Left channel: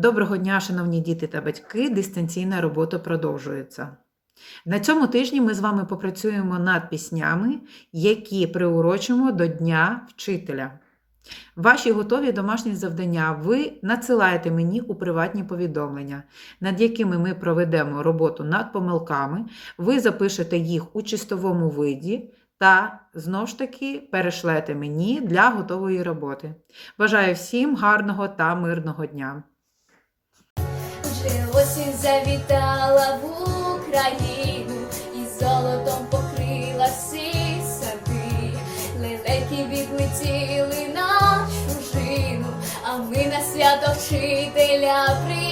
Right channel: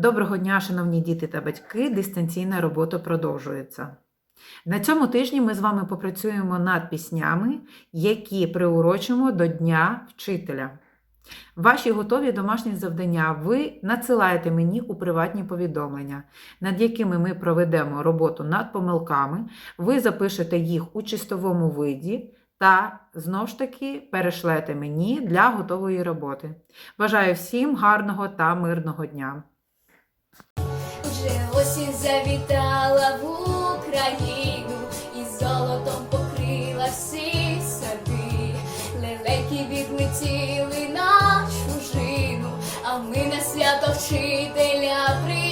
Доброго дня, шановні діти та батьки! Дистанційна робота продовжується. На цьому тижні ми з вами попрацюємо над піснями, які приурочимо до Дня вчителя. Ваші готові домашні завдання ви надсилаєте мені у приватні повідомлення, над якими ми проведемо роботу над помилками. Ви запишете їх у чистовому виді та знову ж таки перешлете мені для готової роботи. Бажаю всім гарного та мирного дня! Вже осінь завітала в Україну і золотом покрила всі сади. Лелеки відлетіли на чужину, а ми на свято вчителя прийшли.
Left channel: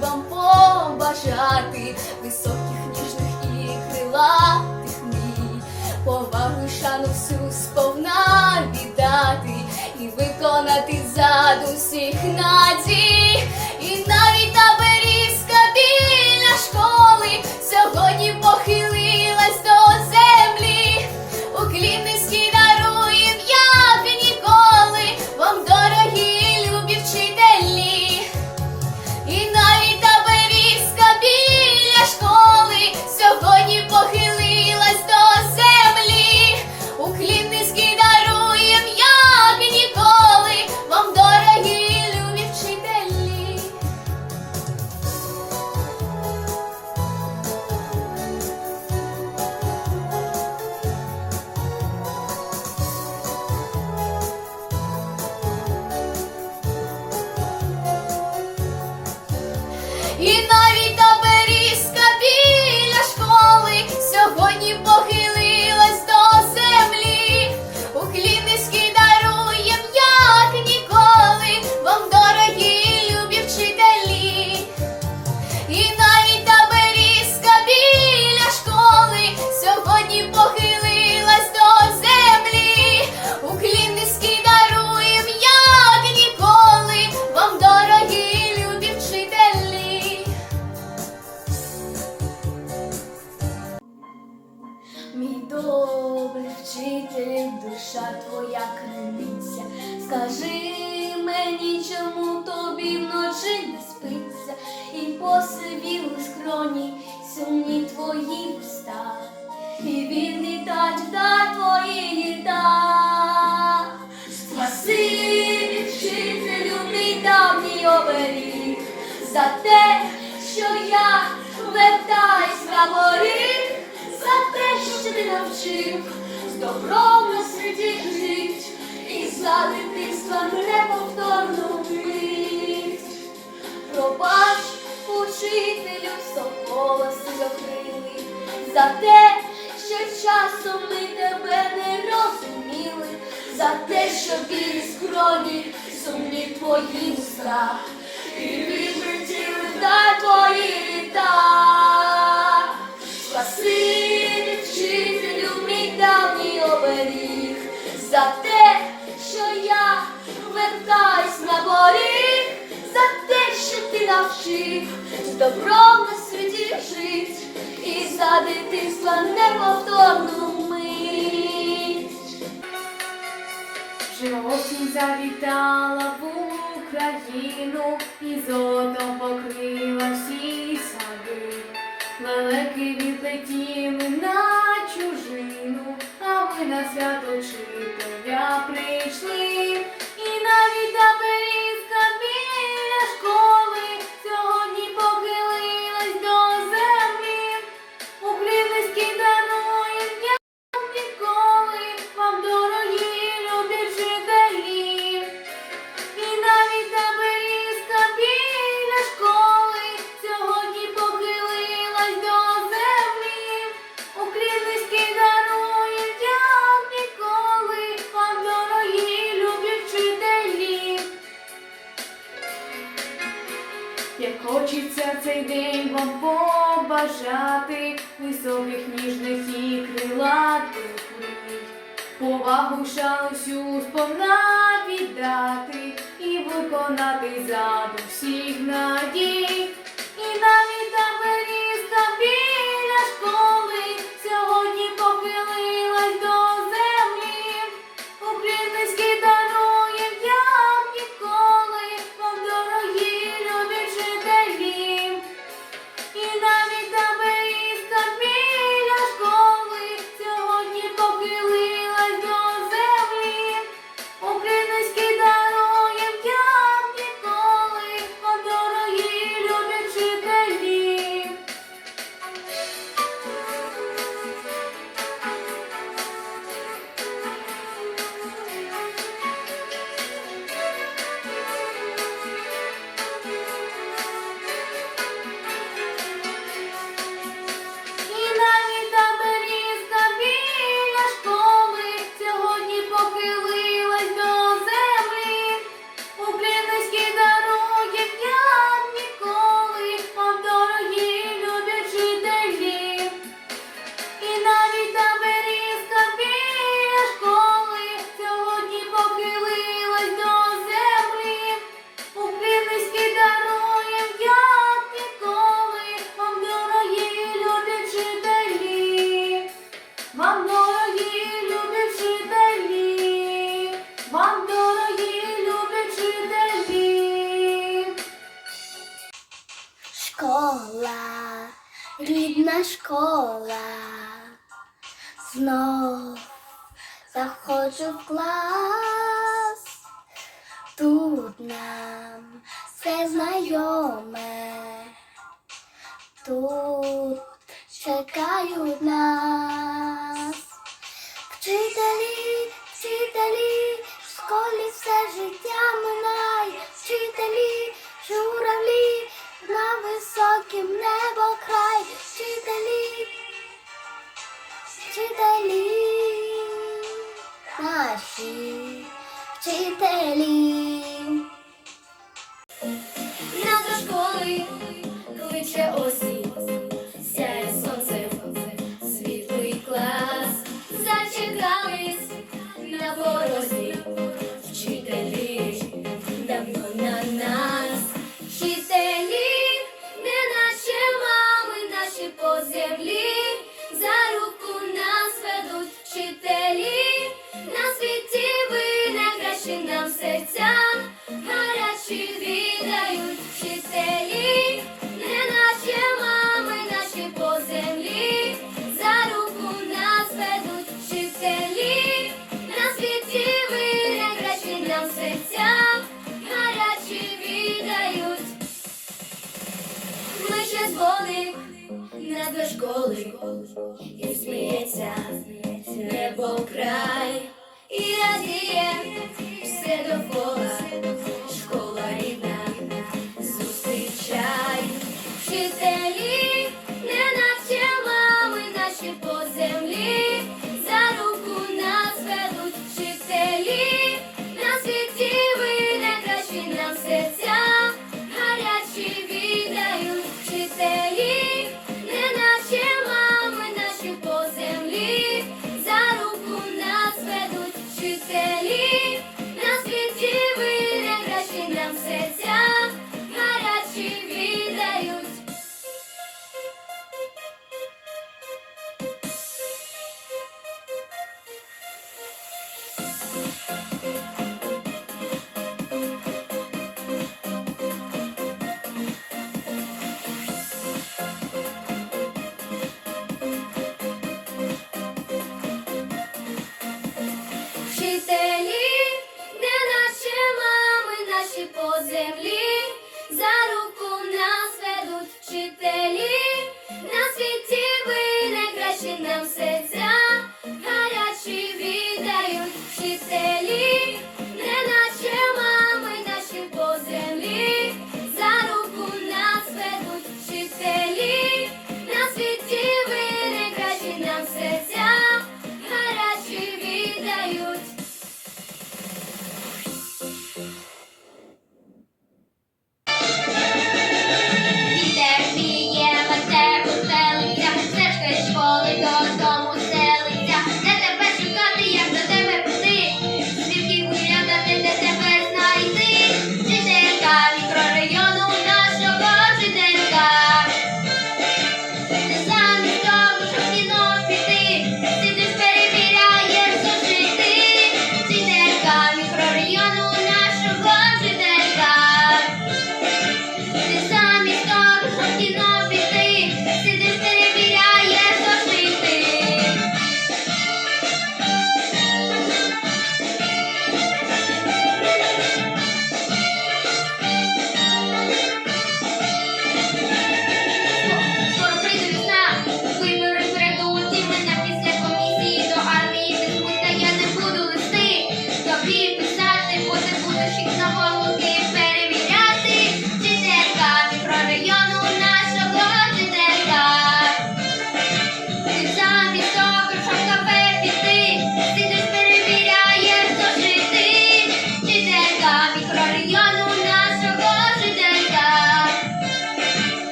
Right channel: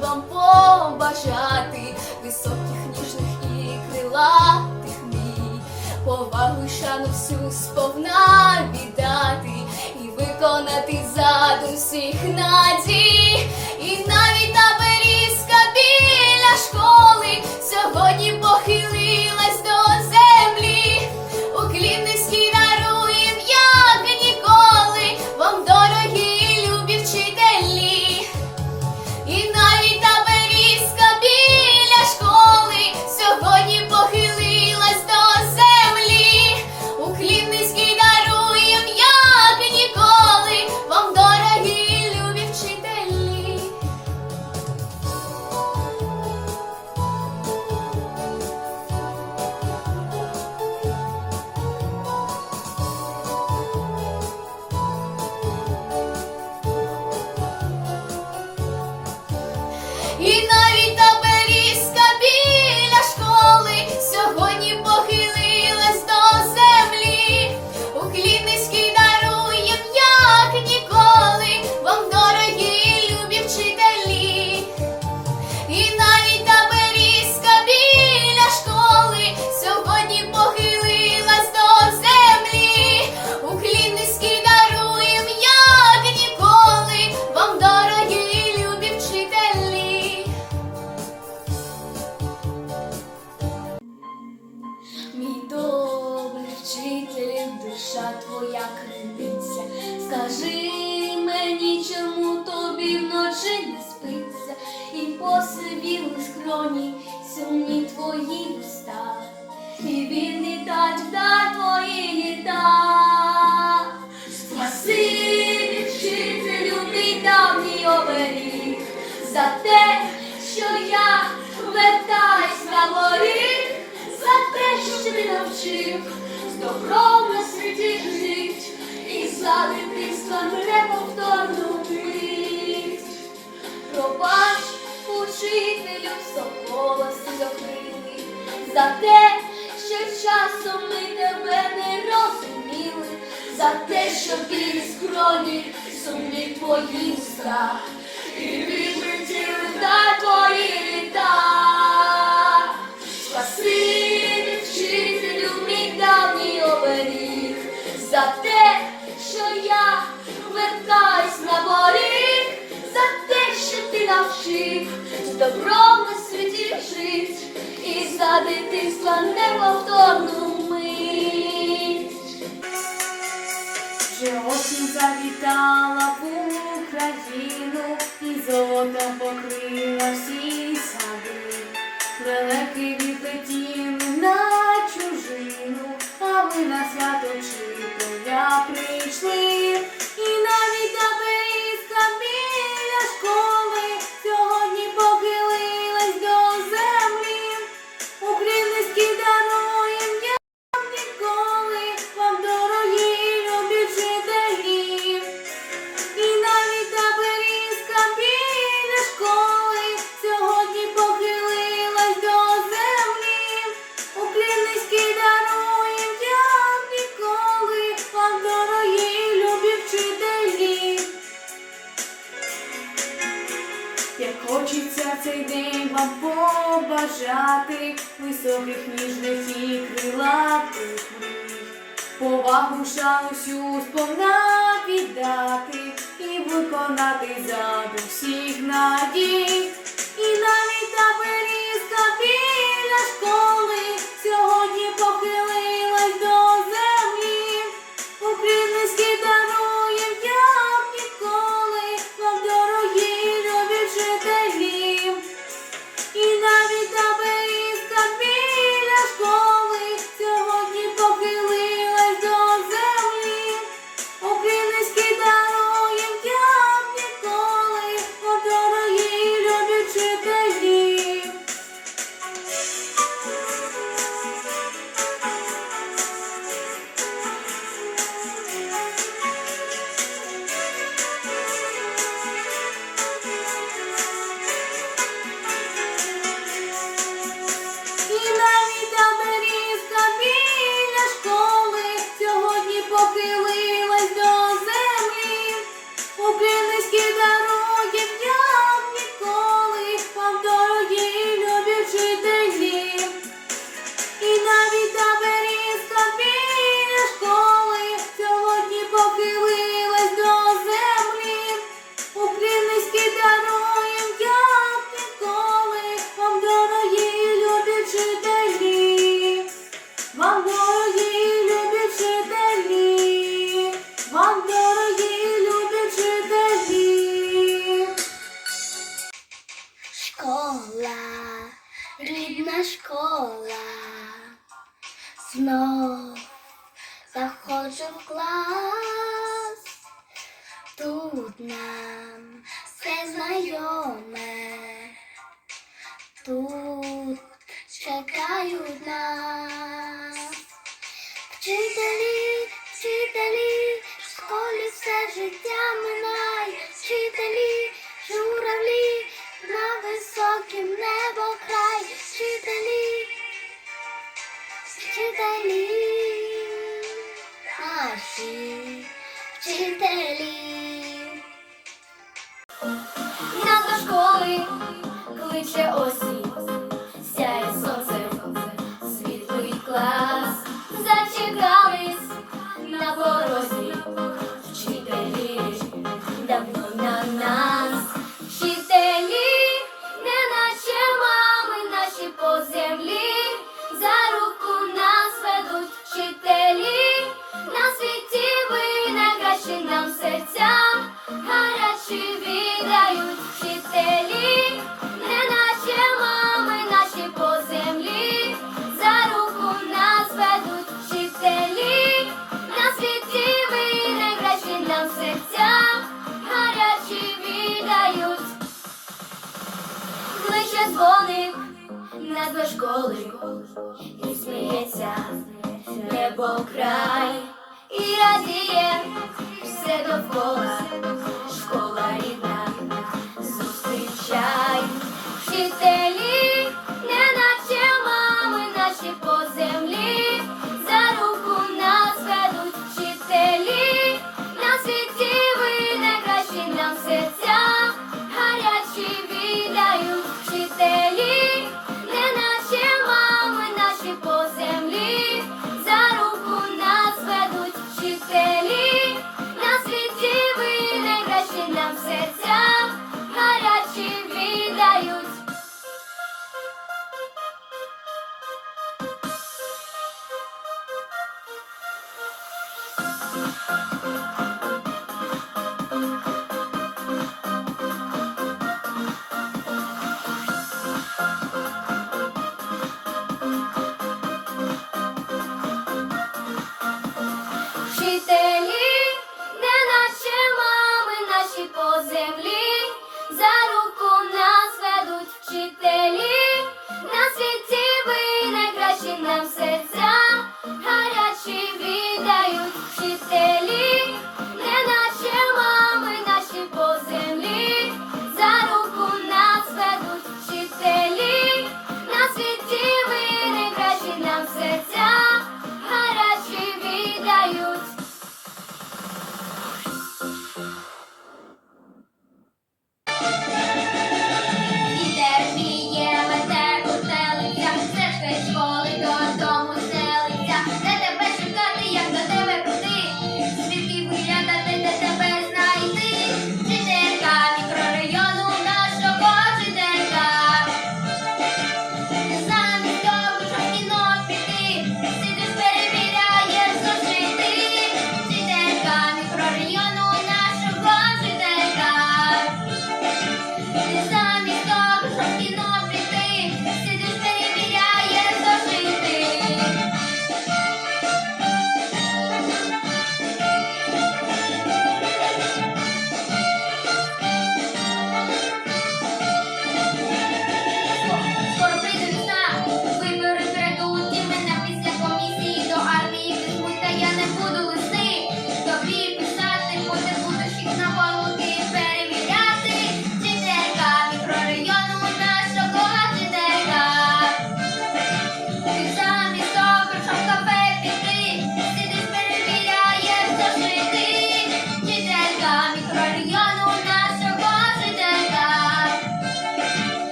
Вам побажати високих, ніжних і крилатих мій, повагу шану всю сповна віддати і виконати зад усіх надій, І навіть давній за те, що я вертаюсь на поріг, за те, що ти навчив з добром на світі жить, і за дитинства неповторну мить. Пробач, учителю, голоси докрили, за те, що часом ми тебе не розуміли, за те, що білі скроні, сумні твої уста, і відлетіли на твої літа. Спасибі, вчителю, мій давній оберіг, за те, що я вертаюсь на поріг, за те, що ти навчив з добром на світі жить, і за дитинства неповторну мить. Вже осінь завітала в і золотом покрила всі сади. Лелеки відлетіли на чужину, а ми на свято вчителя прийшли. як хочеться цей день вам побажати високих ніжних і крилатих повагу шану всю сповна віддати і виконати заду всіх надій. таке знайоме. Тут чекають нас. Вчителі, вчителі, в школі все життя минає, вчителі, журавлі, на високім небо край, вчителі, вчителі, наші вчителі. землі, не наче мами наші по.